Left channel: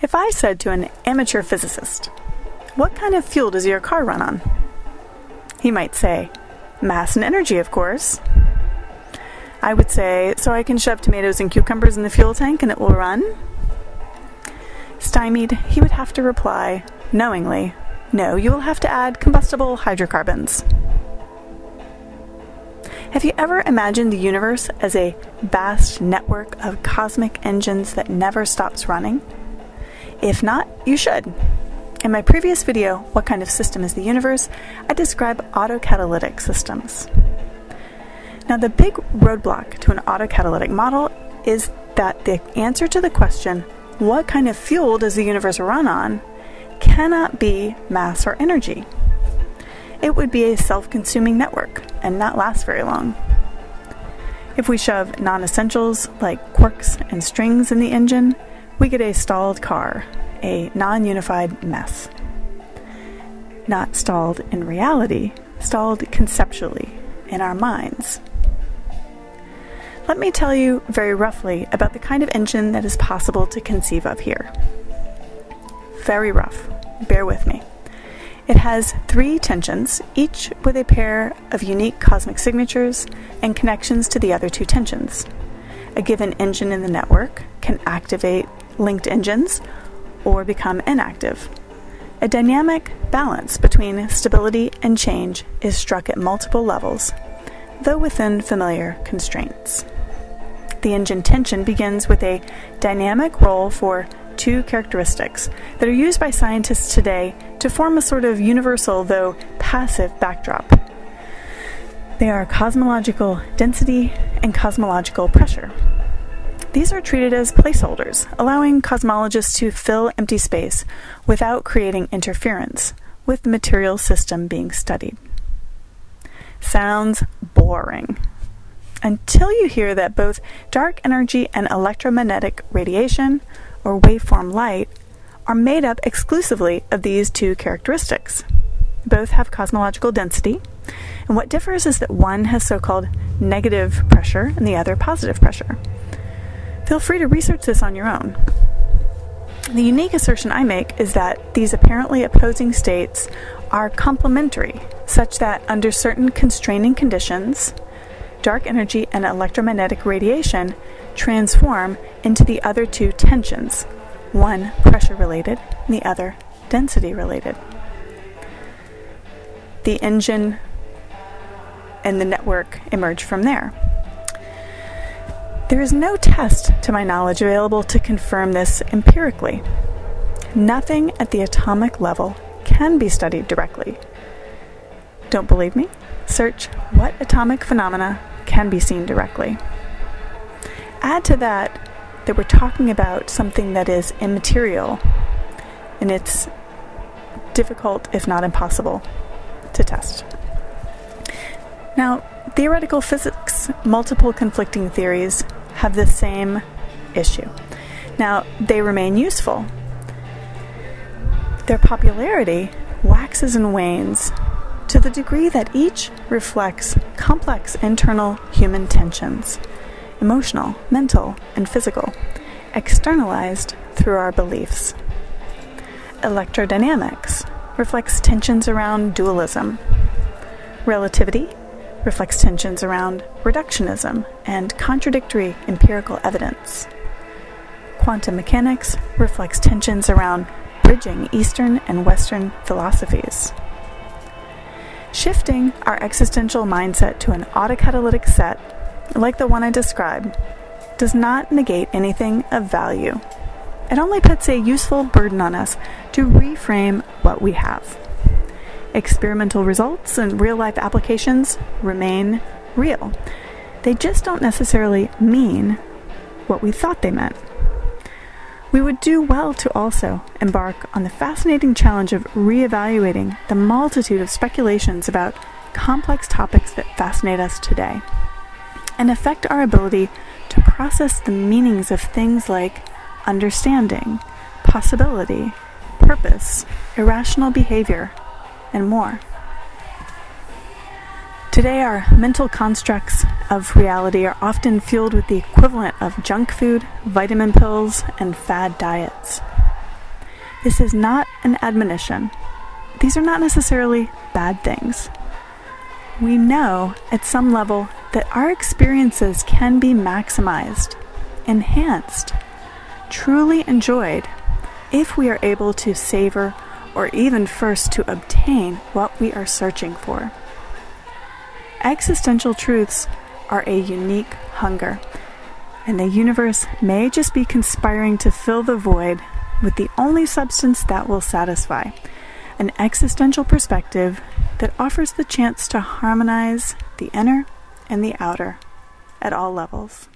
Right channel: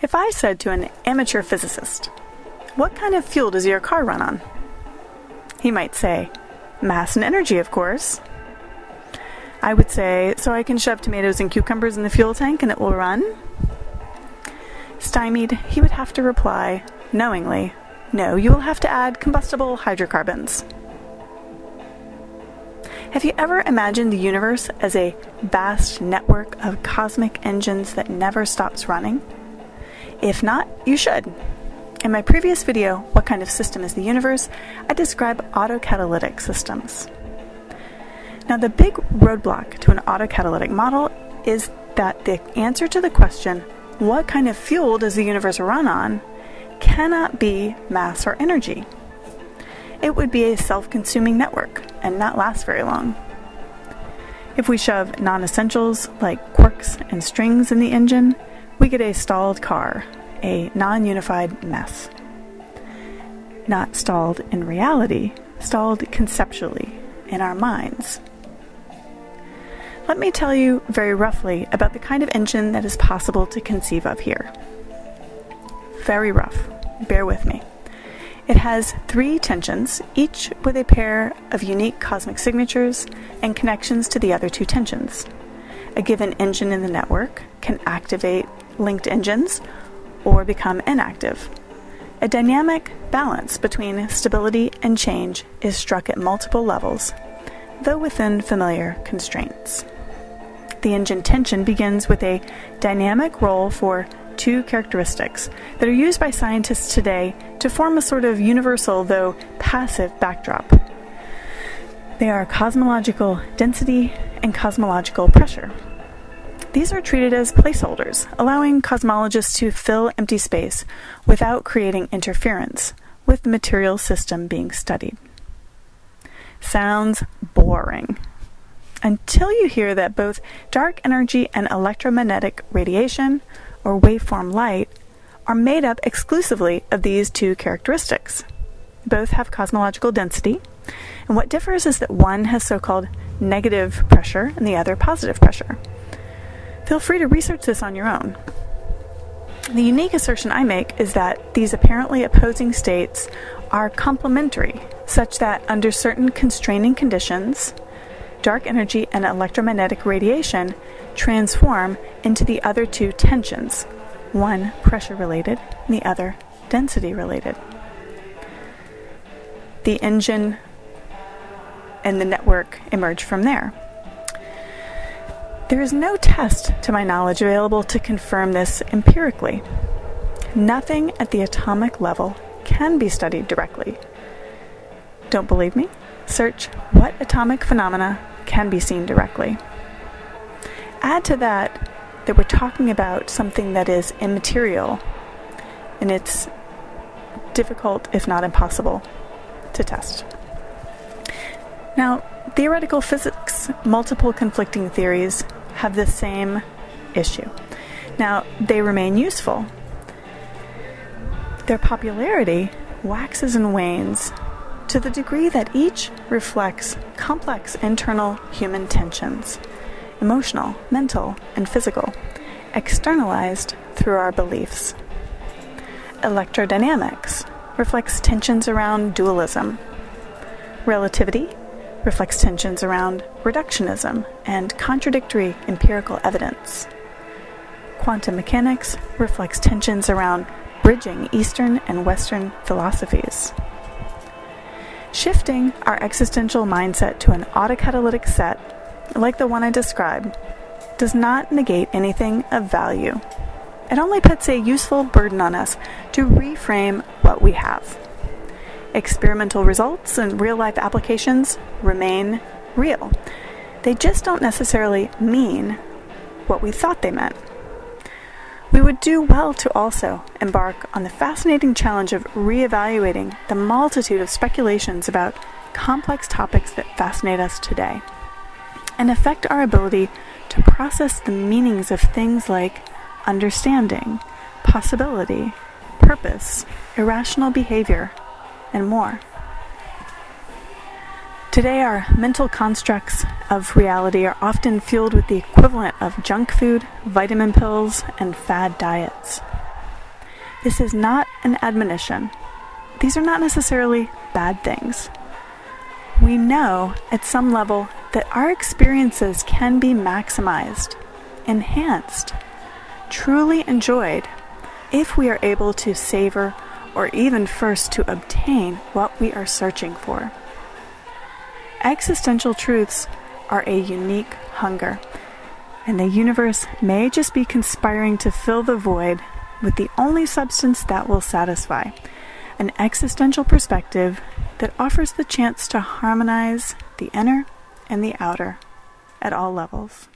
If I said to an amateur physicist, "What kind of fuel does your car run on?" he might say, "Mass and energy, of course." I would say, "So I can shove tomatoes and cucumbers in the fuel tank and it will run?" Stymied, he would have to reply, knowingly, "No, you will have to add combustible hydrocarbons." Have you ever imagined the universe as a vast network of cosmic engines that never stops running? If not, you should. In my previous video, What Kind of System is the Universe?, I describe auto-catalytic systems. Now, the big roadblock to an auto-catalytic model is that the answer to the question, what kind of fuel does the universe run on, cannot be mass or energy. It would be a self-consuming network and not last very long. If we shove non-essentials like quarks and strings in the engine, we get a stalled car, a non-unified mess. Not stalled in reality, stalled conceptually in our minds. Let me tell you very roughly about the kind of engine that is possible to conceive of here. Very rough. Bear with me. It has 3 tensions, each with a pair of unique cosmic signatures and connections to the other 2 tensions. A given engine in the network can activate linked engines or become inactive. A dynamic balance between stability and change is struck at multiple levels, though within familiar constraints. The engine tension begins with a dynamic role for 2 characteristics that are used by scientists today to form a sort of universal, though passive, backdrop. They are cosmological density and cosmological pressure. These are treated as placeholders, allowing cosmologists to fill empty space without creating interference with the material system being studied. Sounds boring. Until you hear that both dark energy and electromagnetic radiation, or waveform light, are made up exclusively of these 2 characteristics. Both have cosmological density, and what differs is that one has so-called negative pressure and the other positive pressure. Feel free to research this on your own. The unique assertion I make is that these apparently opposing states are complementary, such that under certain constraining conditions, dark energy and electromagnetic radiation transform into the other 2 tensions, one pressure-related and the other density-related. The engine and the network emerge from there. There is no test, to my knowledge, available to confirm this empirically. Nothing at the atomic level can be studied directly. Don't believe me? Search what atomic phenomena can be seen directly. Add to that we're talking about something that is immaterial, and it's difficult, if not impossible, to test. Now, theoretical physics, multiple conflicting theories have the same issue. Now, they remain useful. Their popularity waxes and wanes to the degree that each reflects complex internal human tensions, emotional, mental, and physical, externalized through our beliefs. Electrodynamics reflects tensions around dualism. Relativity reflects tensions around reductionism and contradictory empirical evidence. Quantum mechanics reflects tensions around bridging Eastern and Western philosophies. Shifting our existential mindset to an autocatalytic set, like the one I described, does not negate anything of value. It only puts a useful burden on us to reframe what we have. Experimental results and real-life applications remain real. They just don't necessarily mean what we thought they meant. We would do well to also embark on the fascinating challenge of reevaluating the multitude of speculations about complex topics that fascinate us today, and affect our ability to process the meanings of things like understanding, possibility, purpose, irrational behavior, and more. Today, our mental constructs of reality are often fueled with the equivalent of junk food, vitamin pills, and fad diets. This is not an admonition. These are not necessarily bad things. We know at some level that our experiences can be maximized, enhanced, truly enjoyed if we are able to savor or even first to obtain what we are searching for. Existential truths are a unique hunger, and the universe may just be conspiring to fill the void with the only substance that will satisfy, an existential perspective that offers the chance to harmonize the inner and the outer at all levels.